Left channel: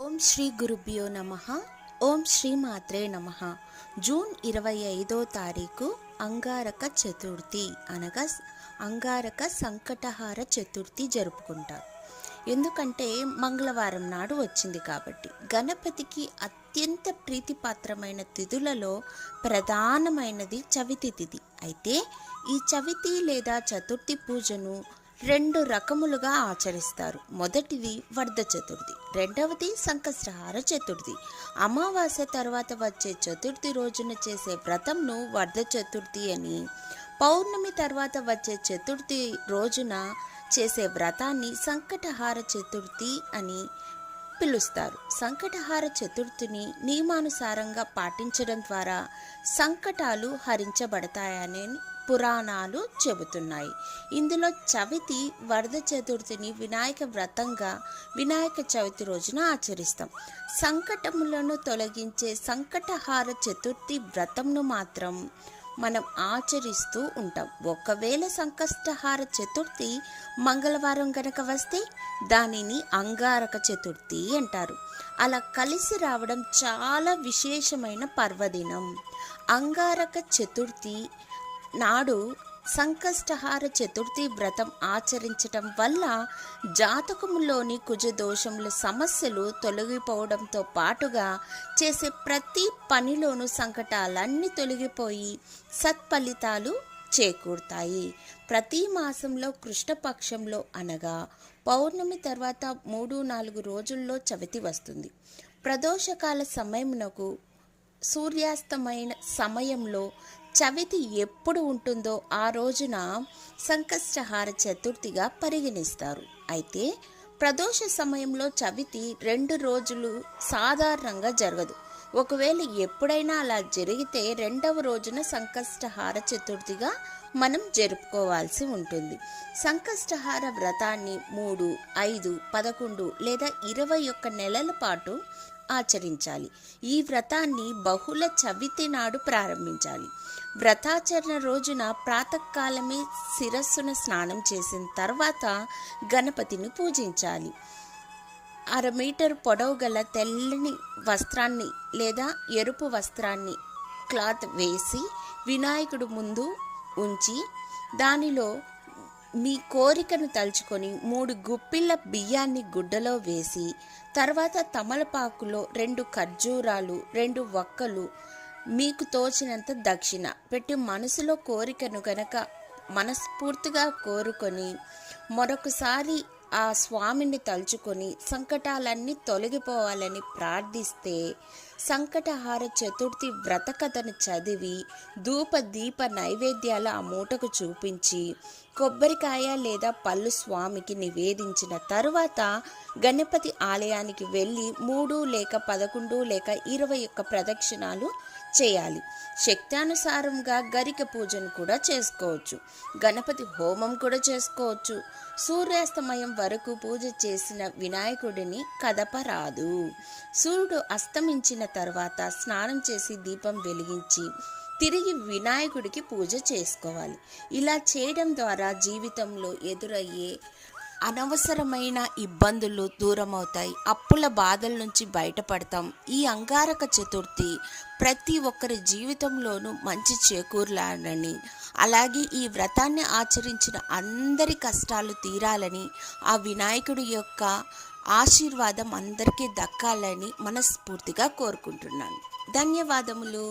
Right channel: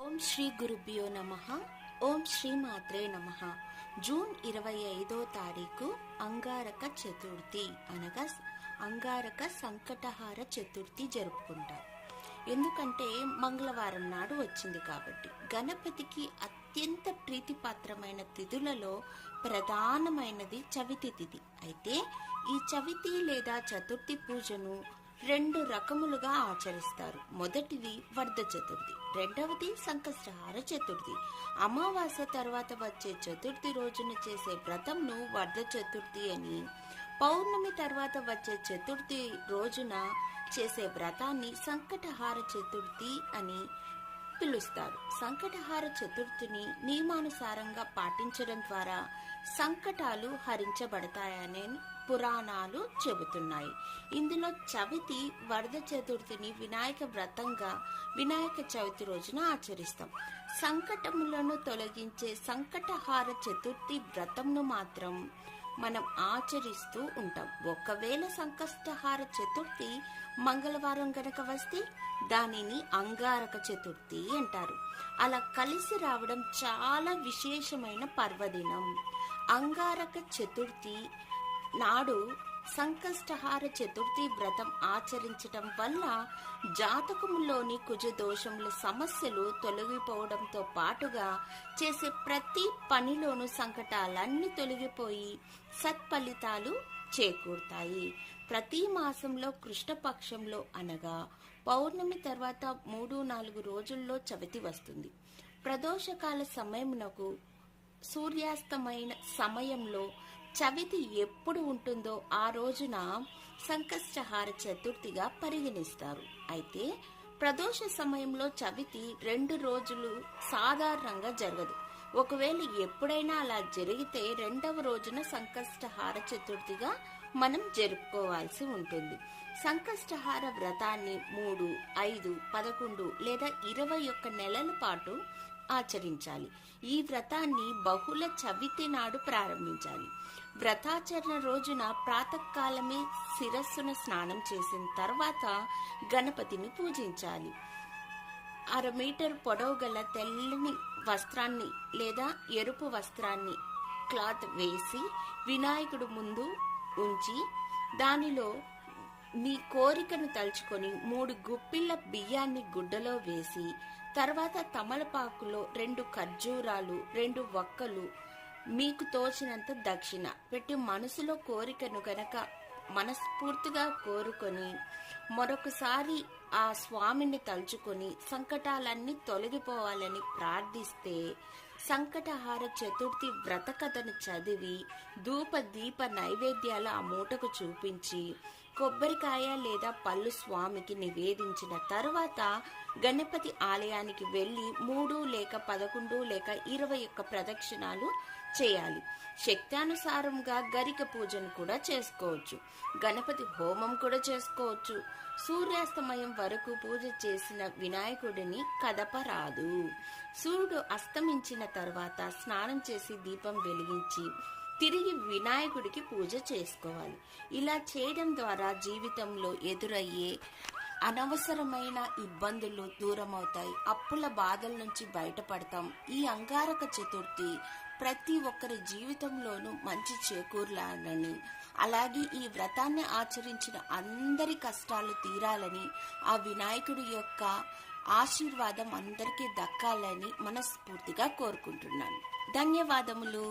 ఓం శ్రీ గురుభ్యో నమః. ఓం శ్రీ మాత్రే నమః. జూన్ 25వ తారీఖు అంగారక చతుర్థి అనగా అంగారక సంకటహార చతుర్థి జరుపుకుంటారు. ఎందుకంటే మంగళవారం నాడు వచ్చింది కాబట్టి. గణపతికి అత్యంత ప్రీతిపాత్రమైన తిథులలో ప్రధానమైనది చవితి తిథి. అయితే ఈ చవితి లేదా చతుర్థి పూజను రెండు రకములుగా ఆచరిస్తారు. మొదటిది వర్ధ చతుర్థి, రెండవది సంకష్టహార చతుర్థి. అమావాస్య తర్వాత వచ్చే చతుర్థి రోజున చేసే వ్రతంను వర్ధ చతుర్థి అని, పౌర్ణమి తర్వాత వచ్చే చతుర్థి రోజున చేసే వ్రతాన్ని సంకటహార చతుర్థి అని పిలుస్తారు. సంకటహార చతుర్థిని నియమానుసారంగా పాటించడం ద్వారా సంకటాలు హరించబడతాయని పురాణాలు చెబుతున్నాయి. ఇందులో చవితి వర్ధ చతుర్థిని వినాయక వ్రతంగా వినాయక చవితి రోజున ఆచరిస్తాం. సంకటములను తొలగించే సంకటహార చతుర్థి వ్రతంను మాత్రం మనం ఆచరిస్తూ ఉంటాం. ఒకవేళ సంకష్టహార చతుర్థి మంగళవారం గనక వస్తే దానిని అంగారక చతుర్థి అంటారు. అలా కలిసి రావడం చాలా విశేషమైన పర్వదినం. అంగారక చతుర్థి నాడు సంకష్టహార చతుర్థి వ్రతం ఆచరించటం వల్ల జాతకములోని కుజదోషముల సమస్యలు తొలగిపోవడంతో పాటుగా చేసే ప్రతి పనిలోనూ సంకటాలన్నీ తొలగిపోయి సత్ఫలితాలు చేకూరుతాయి. ప్రతి మాసంలో కృష్ణపక్షంలో అనగా పౌర్ణమి తర్వాత 3-4 రోజుల్లో చవితి వస్తుంది. ప్రదోషకాల సమయమునకు సూర్యాస్తమైన సమయంలో చవితి ఎప్పుడు ఉంటుందో ఆ రోజున సంకష్టహార చతుర్థిగా పరిగణిస్తారు. అయితే ప్రదోష సమయంలో చవితి 2 రోజులు సాధారణంగా జరగదు. ఒకవేళ ఎప్పుడైనా అలా జరిగితే 2వ రోజున సంకష్టహార చతుర్థిగా మనం జరుపుకోవాల్సి ఉంటుంది. సంకష్టహార వ్రతాన్ని 3, 5, 11 లేదా 21 నెలల పాటు ఆచరించాలి. ఈ వ్రతాన్ని బహుళ చవితి నాడు ప్రారంభించాలి. వ్రతాచరణ రోజున ప్రాతకాలమే శిరస్సున స్నానం చేసిన తర్వాత గణపతిని పూజించాలి. 1/2 మీటర్ పొడవు గల తెల్లని వస్త్రాన్ని లేదా ఎరుపు వస్త్రాన్ని క్లాత్ వేసి వినాయకుడు ముందు ఉంచి దానిలో మీ కోరికను తలుచుకొని 3 గుప్పిళ్ళ బియ్యాన్ని గుడ్డలో వేసి తర్వాత తమలపాకులో 2 ఖర్జూరాలు 2 వక్కలు మీకు తోచినంత దక్షిణ పెట్టి మనసులో కోరికను గనక మనస్ఫూర్తిగా కోరుకొని మరొకసారి ఆ స్వామిని తలుచుకొని సంకటాలన్నీ తొలగిపోవాలని ప్రార్థిస్తే సంకటహార చతుర్థి వ్రత కథను చదివి ధూప దీప నైవేద్యాల ఆ మూటకు చూపించి కొబ్బరికాయ లేదా పళ్ళు స్వామికి నివేదించిన తరువాత గణపతి ఆలయానికి వెళ్ళి 3 లేక 11 లేక 21 ప్రదక్షిణాలు చేయాలి. శక్తానుసారంగా గరిక పూజను కూడా చేసుకోవచ్చు. గణపతి హోమం కూడా చేసుకోవచ్చు. సూర్యాస్తమయం వరకు పూజ చేసిన వినాయకుడిని కదపరాదు. సూర్యుడు అస్తమించిన తర్వాత స్నానం చేసి దీపం వెలిగించి తిరిగి వినాయకుడికి పూజ చేసుకోవాలి. ఇలా చేయడం ద్వారా జీవితంలో ఎదురయ్యే అనవసరమైన ఇబ్బందులు దూరమవుతాయి. అప్పుల బాధల నుంచి బయటపడతాం. ఈ అంగారక చతుర్థి ప్రతి ఒక్కరి జీవితంలోనూ మంచి చేకూరాలని, అలాగే ఈ వ్రతాన్ని ఆచరించిన అందరి కష్టాలు తీరాలని, ఆ వినాయకుడి యొక్క ఆశీర్వాదం అందరికీ దక్కాలని మనస్ఫూర్తిగా కోరుకుంటున్నాను. ధన్యవాదములు.